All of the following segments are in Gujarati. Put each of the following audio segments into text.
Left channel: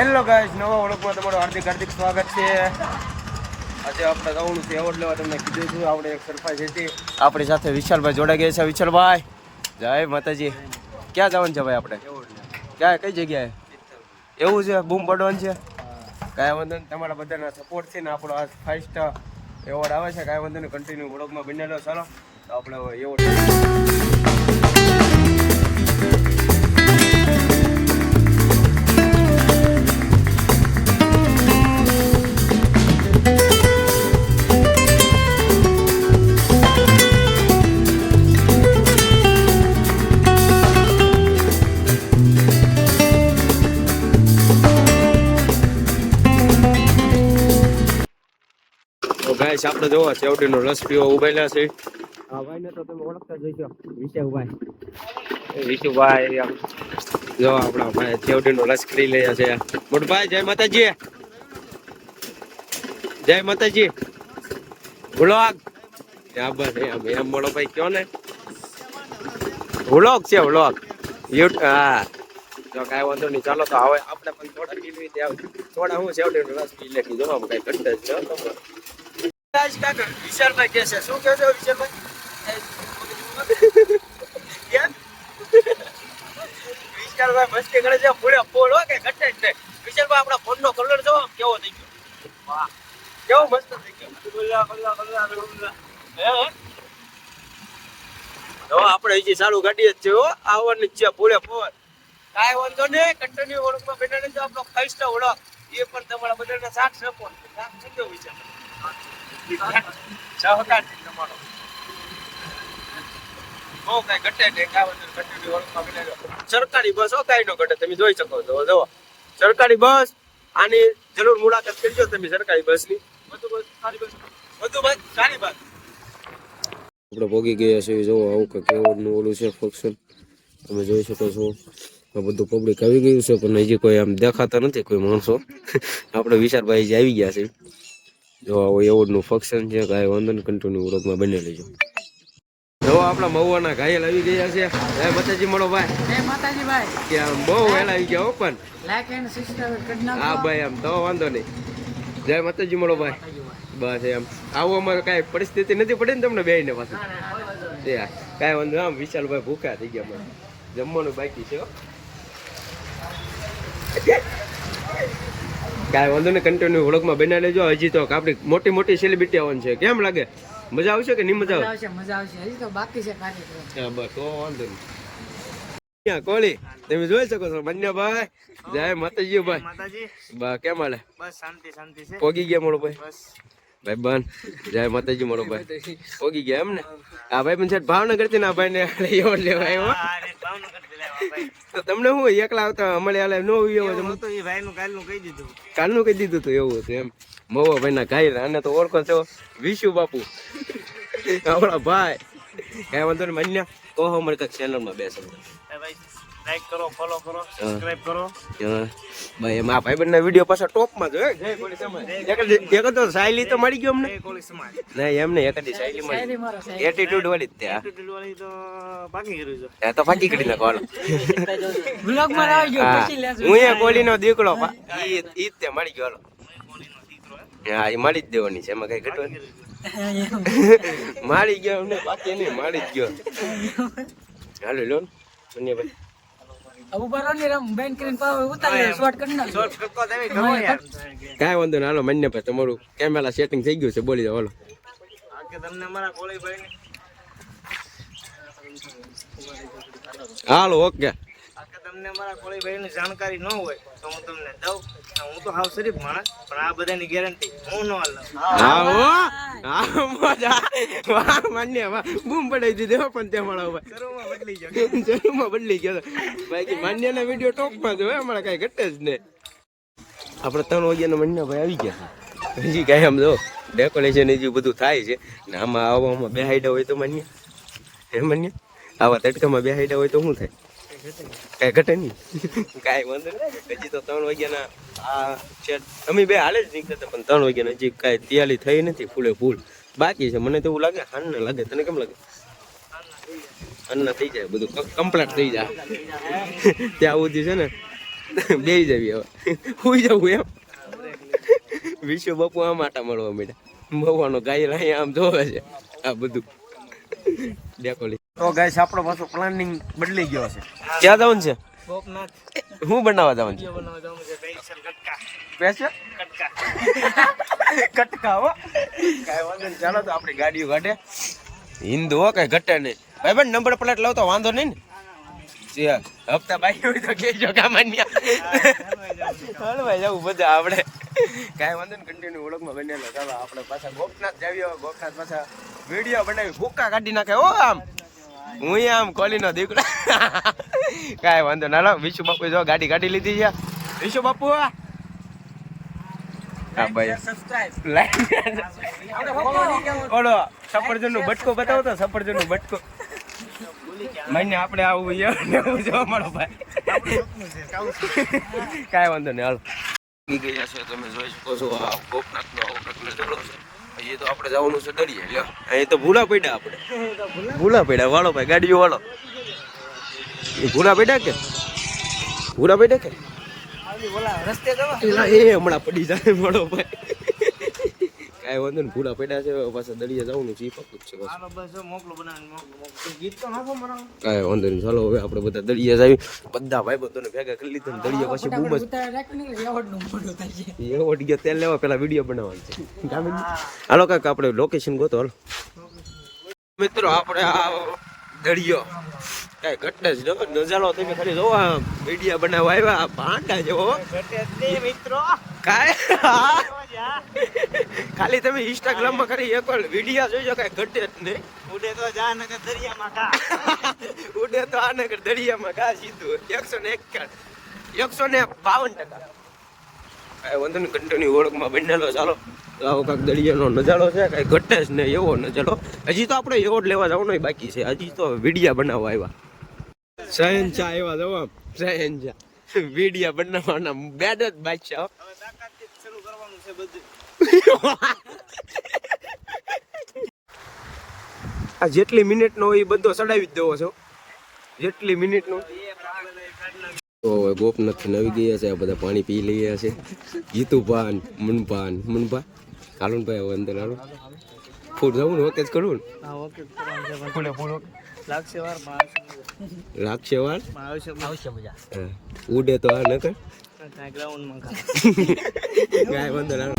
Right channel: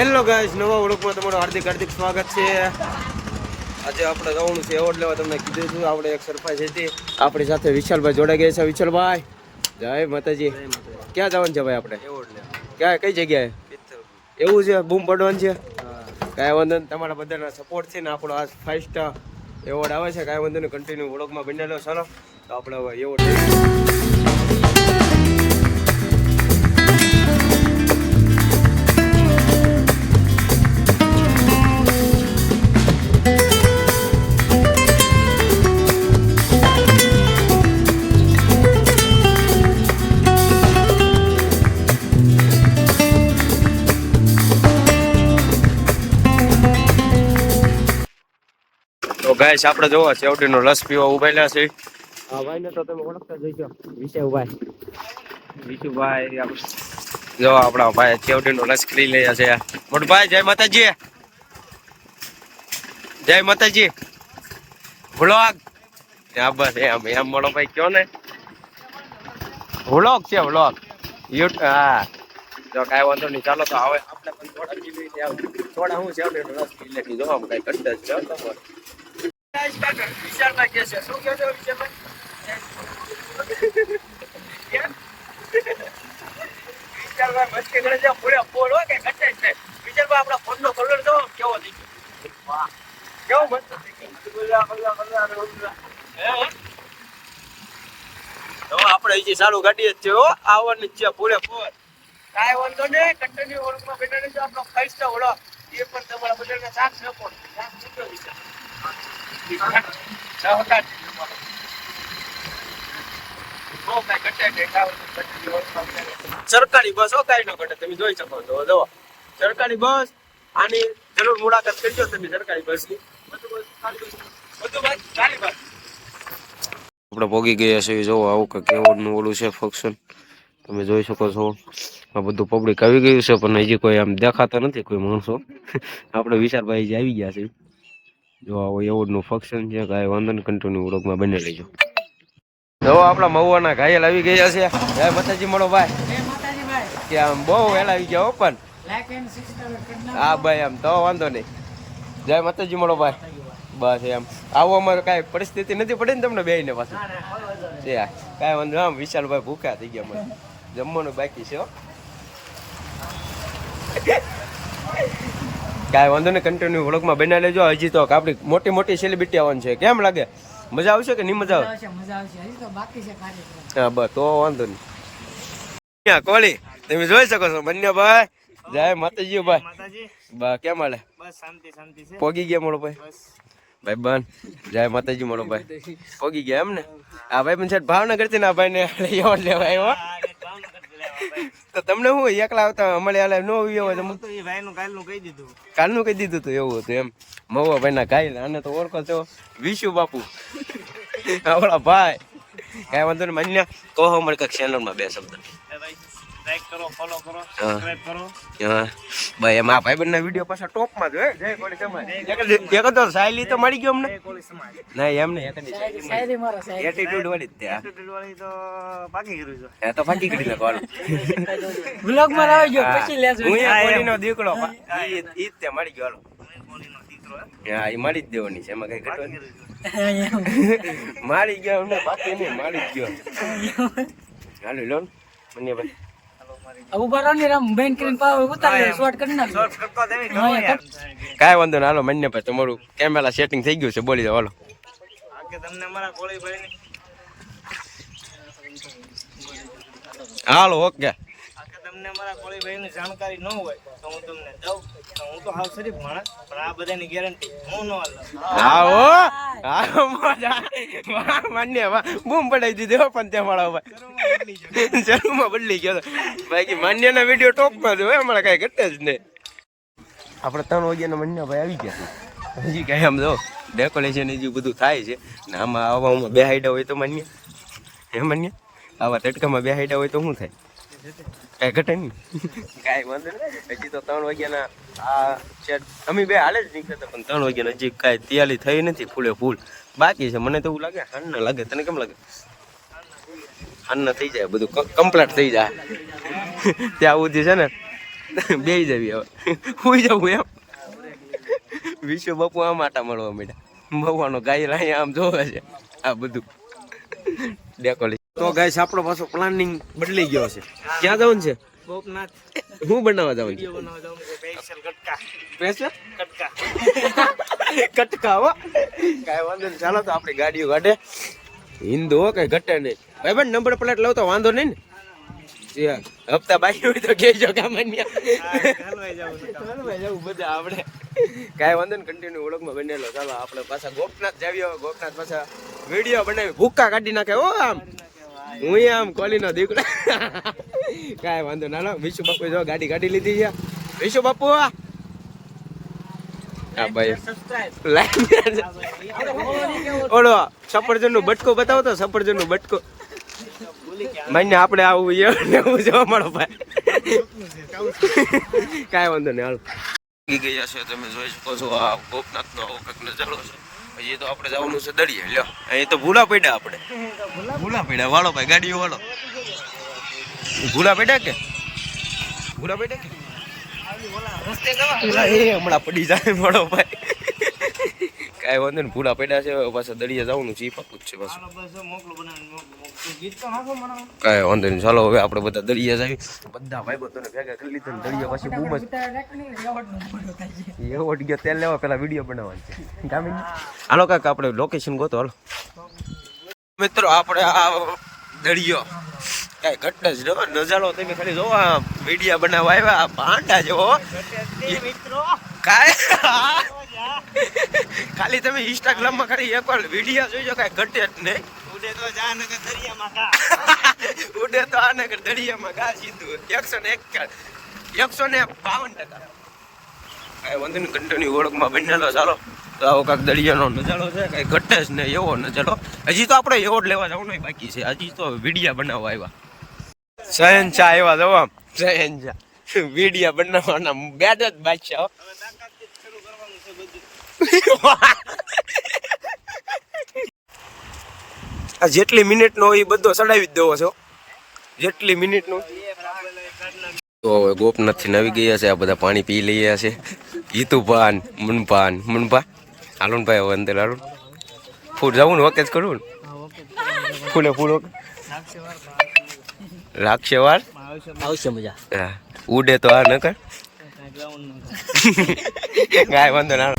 હેલો ગાઈઝ નવા ઓળખમાં તમારું હાર્દિક હાર્દિક સ્વાગત છે. આજે આપણે જવાનું છે એવોર્ડ લેવા તમને કીધું છું. આપણે એક સરપ્રાઈઝ હતી. આપણી સાથે વિશાલભાઈ જોડાઈ ગયા છે. વિશાલભાઈ જય માતાજી. ક્યાં જવાનું છે ભાઈ આપણે? ક્યાં કઈ જગ્યાએ? એવું છે? બૂમ પડવાનું છે? કાંઈ વાંધો નહીં તમારા બધાના સપોર્ટથી ને આપણો આ ફાઇવ સ્ટાર એવોર્ડ આવે છે. કાંઈ વાંધો નહીં કન્ટિન્યુ વ્લોગમાં બનેલો ચાલો તો આપણે એવોર્ડ ગાઈસ આપણે જોવો સેવડીનો રસ પીવો ઉભેલા છે. ભાઈને તો તમે ઓળખતા જ હશો. વિશુભાઈ વિશુભાઈ આમ જો આપણા ભાઈ સેવડીનો રસ કરી લઈએ છે. મોટભાઈ જય માતાજી. જય માતાજી. વ્લોગ હા બસ એમ એમ મોટો ભાઈ કયો ને? વ્લોગ છે વ્લોગ યુટ હા. જો કાંઈ વાંધો નહીં ચાલો તો હવે આપણે પણ થોડા પીવી ત્યાં થોડા હું સેવડીનો રસ પી લે જોવા કાંઈ કરતા જ છે વિશાલભાઈ કે છે, શું કહે છે વિશાલભાઈ વિશાલભાઈ મસ્તી કરે છે પૂરે ફોડ હો કે નહીં. આપણા ફોન નો કલર જો કેવો કેવો મસ્ત થઈ ગયો. તો આપણે હજી સારું ગાડી જ છે હો. આવવાની છે ભૂલે ફોડ કાંઈ વાંધો નહીં કન્ટિન્યુ ઓળખમાં બેઠા રહેજો, આપણો ફાઈવ સ્ટાર ઓળખ એ પણ તમારા બધાને સાક્ષ સપોર્ટ સાથ શું વિચાર સરકારી બસ કાંઈ ન ઘટે. તમે જોઈ શકો છો. જો સરકારી બસ, આની જરૂર મુલાકાત કરજો તમે સરકારી બસની. બધું બસ સારી બસ. આપણે ભોગી ગયા છે જો આવું કે કેવડનું ઓલું છે ફંક્શન તમે જોઈ શકો છો. આ બધું પબ્લિક આવી ગયું છે, પણ હજી કોઈ આમ દેખાતા નથી કોઈ માણસો. આપણે વિશાલભાઈ જે આવી ગયા છે જો આવું એવોર્ડનું ફંક્શન છે કાંઈ વાંધો નહીં કન્ટિન્યુ વ્લોગમાં બને લેજો જો આપણા મહુવાના ઘાયલ આવી ગયા છે. જય માતાજી મળો ભાઈ. જય માતાજી ભાઈ. કે આમ બહુ વહેલા આવી ગયા ઓપન લાઈક એન્ડ સબસ્ક્રાઇબ કરી હા ભાઈ આમ તો વાંધો નહીં. જય માતાજી મળો ભાઈ. બસ એમ. આવો અમારે કાંઈ પરિસ્થિતિ નથી પડી ને તમને બે ને પાછું છે આ. કાંઈ વાંધો. આમ વિશાલભાઈ ભૂખ્યા થઈ ગયા મને. જમવાનું બાકી છે હો. કાંઈ વાંધો ને કન્ટિન્યુ વ્લોગમાં બનાવી લેજો. હજી તો આપણી મોટી મોટી સેલિબ્રિટી આવવાની છે. કેમ લાગે? મજા આવશે કે નહીં મજા મજા આવે આવશે મજા આવશે. હજી તો બાકી છે કાર્યક્રમ. હા બસ તો વાંધો નહીં. કોળી? તમે જોઈ શકો છો બંને ભાઈ. જય માતાજી ભાઈ. માતાજી. બા કેમ હાલે? બસ શાંતિ શાંતિ છે. પોગી ગયા મોળો ભાઈ? બસ. ભાઈ બન. જય માતાજી મોડો ભાઈ. પોગી ગયા એમ ને આ ભાઈ પણ છે ભાવનગરથી ના ભાઈ ને લેવા લેવા આવ્યો આ રે ભાવનગરથી લાવ્યા ભાઈ તો તમને હું એકલા આવતા અમારે આલે નો આવ્યો હોય તો હું તો એ ભાઈનું કાલનું કહી દીધું. કાલનું કહી દીધું તો એવું હતું એમ. મવા ભાઈ ના ગાય અને તો ઓળખો છો. વિશુ બાપુ. આપણા ભાઈ. કાંઈ વાંધો નહીં માન્ય. કહો અમારે કંઈક ચેનલમાં બે શબ્દ. ભાઈ લાઈક કરો ફોલો કરો સબસ્ક્રાઇબ કરો. ભાઈ એમ આ ભાઈ બંને વીડિયો પાછો ટોપમાં જો હે જય કોળી સમાજ. એક તો સાયલી તો મળી ગયો અમને. એ કોળી સમાજ. નહીં એમ નહીં એક સાયલી મળી. મારો એટીટ્યુડ વાળી જ તે. એટીટ્યુડ વાળી તો પાકી કર્યું છે. એ તો ફાટી કરી નાખો હાલો. બ્લોગમાં આવી ગયો પછી લેજો. હું એ કોળીનો દીકરો પા- ઈ ઈ તે મળી ગયો હાલો. હું એ દીકરો મળી જ દેવાની છે એમાં કઈ ઘટવા મારી ગયો અમને બાકી નહીં મારી જ ગયો. હાલો લો ને. મનિયાભાઈ ઊભા કાંઈ વાંધો નહીં હાલો મનિયાભાઈ તમારું કેમેરા સેટિંગ થઈ ગયું છે બોલી દો હાલો. આ કે તમને અમારા કોળી ભાઈ હાલો ઓકે. તમને મારા કોળી ભાઈ ની જાણકારી ન હોય તો હું તમને દઉં. હું તો હાવ શરીફ માણસ પણ આ બધાની ગેરંટી હું ન લઉં. હા હો. હા મજા વાહ માન્ય વાહ. બૂમ પડાવી દીધી હો પણ તે મારા ભાઈ જરૂરમાં બદલી ગયો. બાકી માન્યના વીડિયો ટોપમાં જ હોય અમારે કાંઈ ઘટે જ નહીં. આપણે ત્રણ વાગ્યાના મન્યા ભાઈ આવી ગયા છે. હજી કાંઈ આમ જો ડેકોરેશન હજી બધું થાય છે. ને આમાં આવામાં બે હાઈડા હોય તો માન્ય. હે માન્ય? આવા તડકામાં બે હાઈડા હોય તો શું થાય? કાંઈ ઘટે નહીં. કાંઈ વાંધો નહીં. હજી તો ત્રણ વાગ્યાના આ અમે બે હાલે જ નીકળ્યા પણ ત્રણ વાગ્યાના હજી કાંઈ તૈયારી થઈ નથી, ફૂલે ફૂલ. બાકી છે, મને તો એવું લાગે હાન ના લાગે. તને કેમ લાગે? હાન ના થઈ જાય, બધું કમ્પ્લીટ થઈ જાય. ત્યાં સુધી છે ને બે જવી હવે. હોઈ જવું એમ. વિશ્વ બાપુ આમ આટા મળવા માંડ્યા. ભગવાનો ગાય અહીંયા આમ જોવે છે. આ બધું. ડેકોલી તો ગાઈસ આપણો પાછો પ્લાનિંગ બદલી ગયો છે. ક્યાં જવાનું છે? ગોપનાથ. હું બનાવવા જવાનું છે? બનાવવા જવાનું છે કટકા હો. કઈ વાંધો નહીં ચાલો તો આપણી ગાડીઓ કાઢે. હિન્દુ હો કઈ ઘટે નહીં. ભાઈ ભાઈ નંબર પ્લેટ લાવ તો વાંધો નહીં ને? હપ્તા બાકી હોય તો કહેજો કામાન્યા હલવાઈ જવું બધા આપણે કાંઈ વાંધો ને કન્ટિન્યુ ઓળખમાં બનેલો. ચાલો આપણે પાછા ગોપનાથ જાવી ગોપનાથ પાછા વીડિયો બનાવી ભૂક્કા કાઢી નાખે ઓ આમ. હું આમ કોલીનો દીકરો. કાંઈ વાંધો ના લો વિશુ બાપુ જો ગાડી કાઢી લીધી છે. વિશુ બાપુ હા ભાઈ. સબસ્ક્રાઇબ સફરજનનું બટકો બતાવો તો સફરજનનું બટકો. માન્ય આપણે આવું ને એવું જોવા મળો ભાઈ. કાંઈ વાંધો નહીં હાલો. ગઈ ગયા છે તમે જોઈ શકો છો આ ગોપનાથ નો આવો કંઈક નજારો છે. હજી તો આપણે જવાનું છે દળીએ લ્યો. અહીં તો ભૂલા પડ્યા આપણે. ભૂલા પડ્યા? વાળો ભાઈ ગાડીઓ વાળો. ભૂલા પડ્યા કે? ભૂલા પડ્યા કે? રસ્તે જવા. એ હમણાં પડી જાય વાળો ભાઈ. કાંઈ વાંધો નહીં ભૂલા પડ્યા છે પાછા દરિયા જવાનું છે એ પાકું જ છે બસ હાલો બસ જો મોકલું બનાવીને મોકલું. મોકલું. તું ગીત તો નાખો મારા કાંઈ વાંધો નહીં ચાલો હવે આપણે બધા દરિયા જાવી બધા ભાઈ બંધોને ભેગા કરી લીધા ને દરિયા પછી બૂમ જ. ઉતાર રાખને રેવડનું મોઢું થાય છે. એવો ગયો તેલ લેવા પેલા વીડિયો બનાવવાની છે. હાલો કાંઈક આપણે લોકેશન ગોતો હાલો. મિત્રો આપણે આ દરિયો કાંઈ ઘટના જ ન નજારો તમે ખાલી જોવો આ વીડિયો બનાવવા આવ્યા આ ભાંડા જેવો. મિત્રો. કાંઈ? ખાલી તમે ઇન્સ્ટાગ્રામમાં ખાલી એક વાર વીડિયો જોઈજો કઈ ઘટે જ નહીં. ઉડે તો જા દરિયામાં ઉડે તો ઘા સીધું. એકસો ને એક એકસો ને બાવન ટકા. કાંઈ વાંધો નહીં કન્ટિન્યુ ઓળખમાં બનેલો ચાલો. તો આવો કાંક દરિયાનો નજારો છે કાંઈ ઘટે જ નહીં એવો નજારો. હજી તો આપણે એવો જ લેવા જવાનું બાકી છે. હજી તો વિડીયા બનાવવા આવ્યા. ચા આવ્યા જવા. શહેનશાહ વિડીયા બનાવવાના બેડ જ બાદશાહ હો. હવે તાકાતથી જ શરૂ કરવાનું છે બધું. આ જેટલી મિનિટનો નો એ બધો ચડાવી જ દેવો છો જેટલી મિનિટનો. તો હવે ગોપનાથથી નવી ગયા છે આ બધા પાણી પી લઈએ છે. ગીતુભાન મુનભાન મુનભા. હાલો હવે અંદર હાલો ફૂલ જવું ને ઓકે જ કરવું ને? હા ઓકે ફૂલે ફૂલ વકે લાગશે વાર લાગશે વાર? આવશે મજા. હા. ઉડે તો આ ન કર ગ્રાઉન્ડમાં ગાય વાંધો ના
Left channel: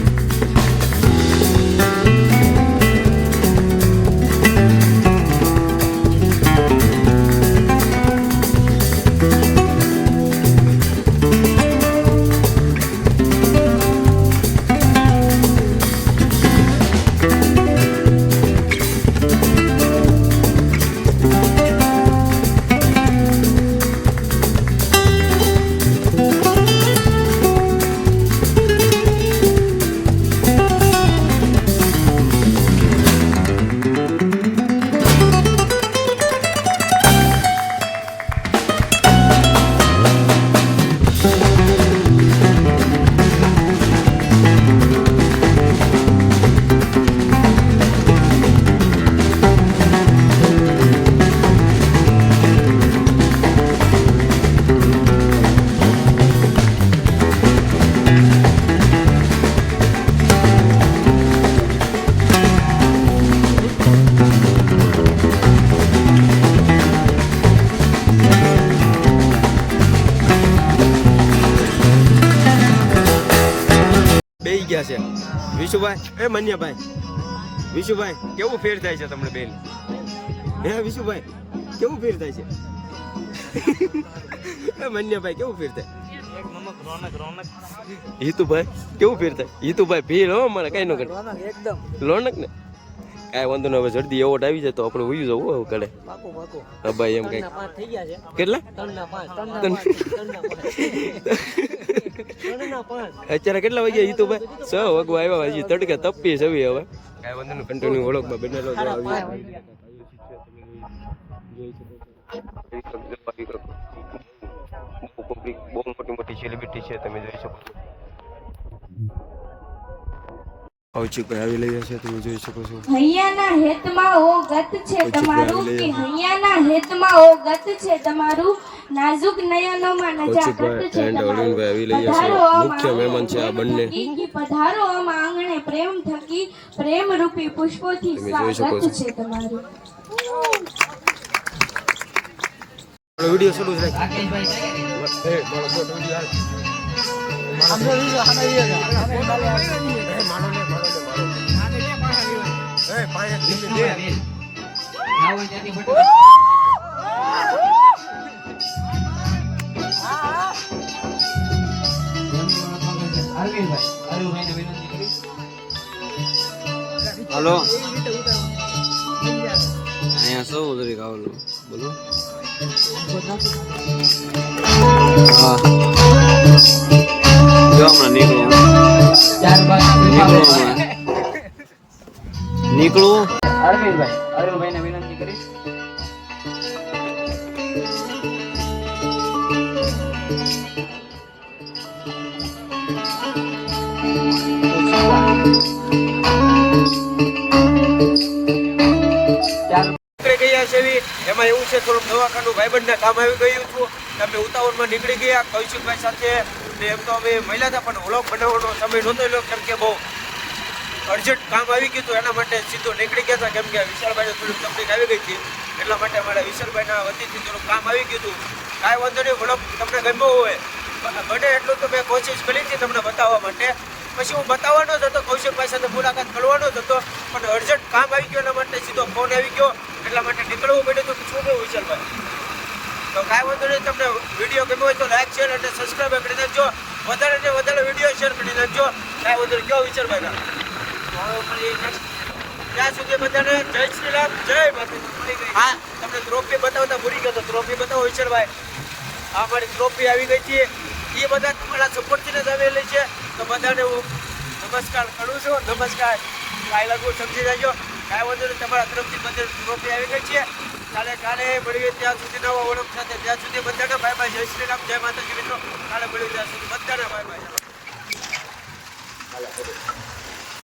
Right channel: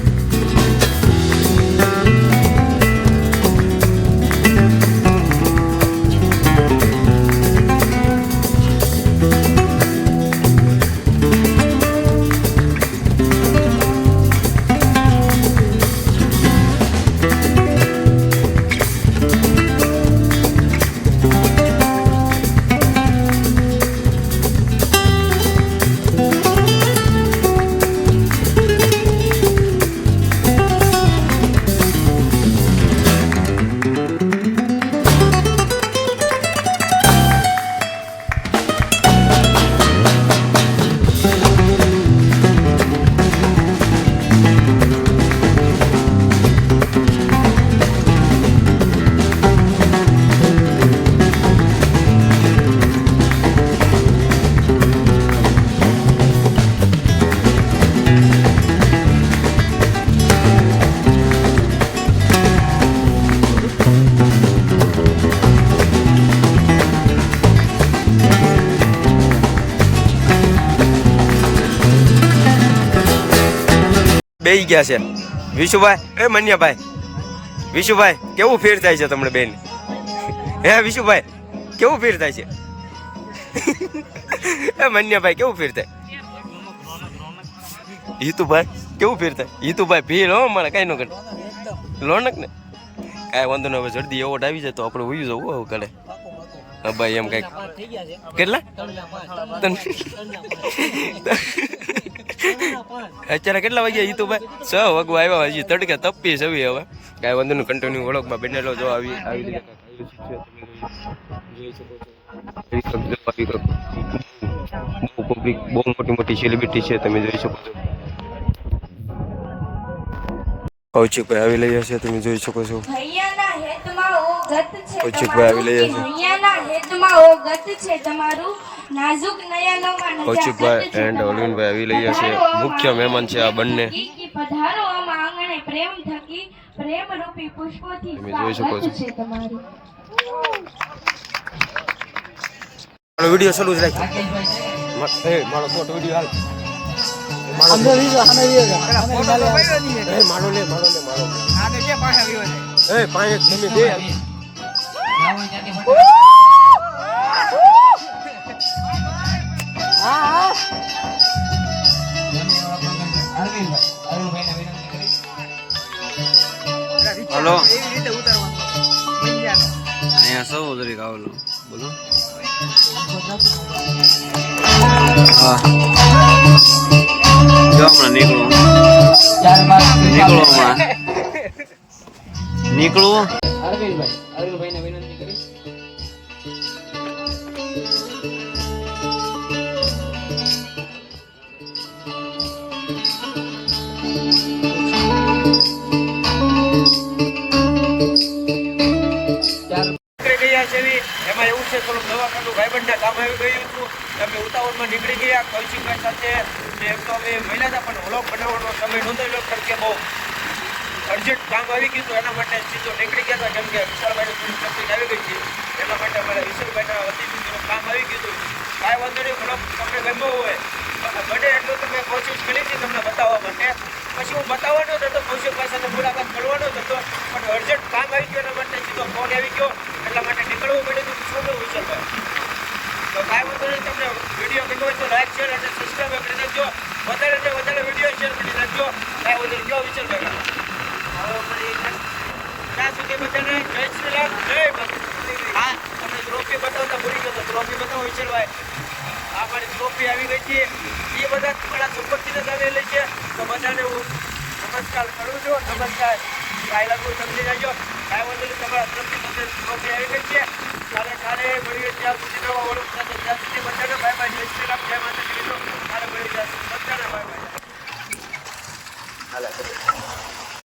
ગયા છે. વિશુભાઈ એ મન્યાભાઈ. વિશુભાઈ કેવું ફેર થાય છે તમને બેન? હે વિશુભાઈ કેવું ફેર થાય છે? એ મન્યાભાઈ કેવું ફેર થાય? હિતુભાઈ કેવું ફેર થાય? હિતુભાઈ ભીડ હો મારે કઈ ન કરે લોનક ને કાંઈ વાંધો નહીં હવે જલ્દી એવોર્ડ આવી જાય તો આપણે ઉઈ જવું હવે કાલે હા ભાઈ એમ કંઈક. પાંચ થઈ ગયા છે. કેટલા? અત્યારે કેટલા વાગ્યા હિતુભાઈ છ વાગવા આવ્યા હજી તડકે તપી છે હવે કાંઈ વાંધો નહીં કન્ટિન્યુ ઓળખમાં બનેલો જો આવી આવી જોઈ શકો છો બહુ પબ્લિક બહુ મોટી મોટી સેલિબ્રિટી છે તમે જોઈ શકો છો. કૌશિકભાઈ આવી રહ્યા છે તમે જોઈ શકો છો હૈયાના હેતમાં ઓ ગત છે કૌશિકભાઈ આવી રહ્યા કે છે. હૈયાના હેતમાં ઓ ગત છે તમારું નાજુક નયનોમાં કૌશિકભાઈ નજાકત છે and તમારી. અરવિંદભાઈ આવી રહ્યા છે. મુખ્ય મહેમાન છે આ બંને. પધારો આમ આંગણે પ્રેમ થકી પ્રેમ રૂપી પુષ્પોથી તમે જોઈ શકો સ્વાગત છો. તમારું વીડિયો શરૂ જ રાખ રાકેશભાઈ હલો. અહીંયા સૌ ઉતરી ગાવલો? બોલો. હા. જો હમણાં નીકળું. નીકળો હમણાં. નીકળું? અરવિંદભાઈ અરવિંદભાઈને વિનંતી કરીશ. ગયા છે એવી. એમાં એવું છે થોડુંક દવાખાનું ભાઈબંધના કામ આવી ગયું હતું. તમે ઉતાવળમાં નીકળી ગયા. કૌશિકભાઈ સાથે. એમ તો અમે મહિલા હતા પણ વ્લોગ બનાવવાનો સમય નહોતો કેમ કે બહુ અર્જન્ટ કામ આવી ગયું એના માટે સીધો નીકળી ગયા હતા, કેમ કે વિશાલભાઈને થોડીક તકલીફ આવી ગઈ હતી, એટલા માટે અમારા વિશાલભાઈના વતીથી થોડું કામ આવી ગયું હતું. કાંઈ વાંધો નહીં વ્લોગ તમને ગમ્યો હોય, પણ બને એટલું તો મેં કોશિશ કરી હતી તમને બતાવવા માટે. પછી હું બતાવવાનો જ હતો કૌશિકભાઈ સાથે મુલાકાત કરવાનો જ હતો, પણ અર્જન્ટ કામ આવી ગયું એના માટે સીધો ફોન આવી ગયો, એટલા માટે નીકળવું પડ્યું હતું, શું કહ્યું વિશાલભાઈ તો કાંઈ વાંધો નહીં, તમને વીડિયો ગમ્યો હોય તો લાઈક શેર અને સબસ્ક્રાઈબ કરી દેજો વધારે ને વધારે વીડિયો શેર કરી દેજો કાંઈ વાંધો નહીં ફરી next ત્યાં સુધી બધાને જય શ્રી રામ જય માતાજી હા બતાવતા ભૂલી ગયો ટ્રોફી બતાવો, વિશાલભાઈ. આ મારી ટ્રોફી આવી ગઈ છે. એ બધા તમારા સપોર્ટથી જ છે. તો બધાને હું નમસ્કાર કરું છું. નમસ્કાર. કાંઈ લાગુ સમજી જાજો. કાંઈ વાંધો તમારા તરફથી બધા ટ્રોફી આવી ગઈ છે. કાલે કાલે મળીએ ત્યાં સુધી નવા ઓળખ સાથે ત્યાં સુધી બધાને બાય બાય જય શ્રી રામ, જય માતાજી મિત્રો. કાલે મળી ત્યાં સુધી. બધાને બાય બાય હાલે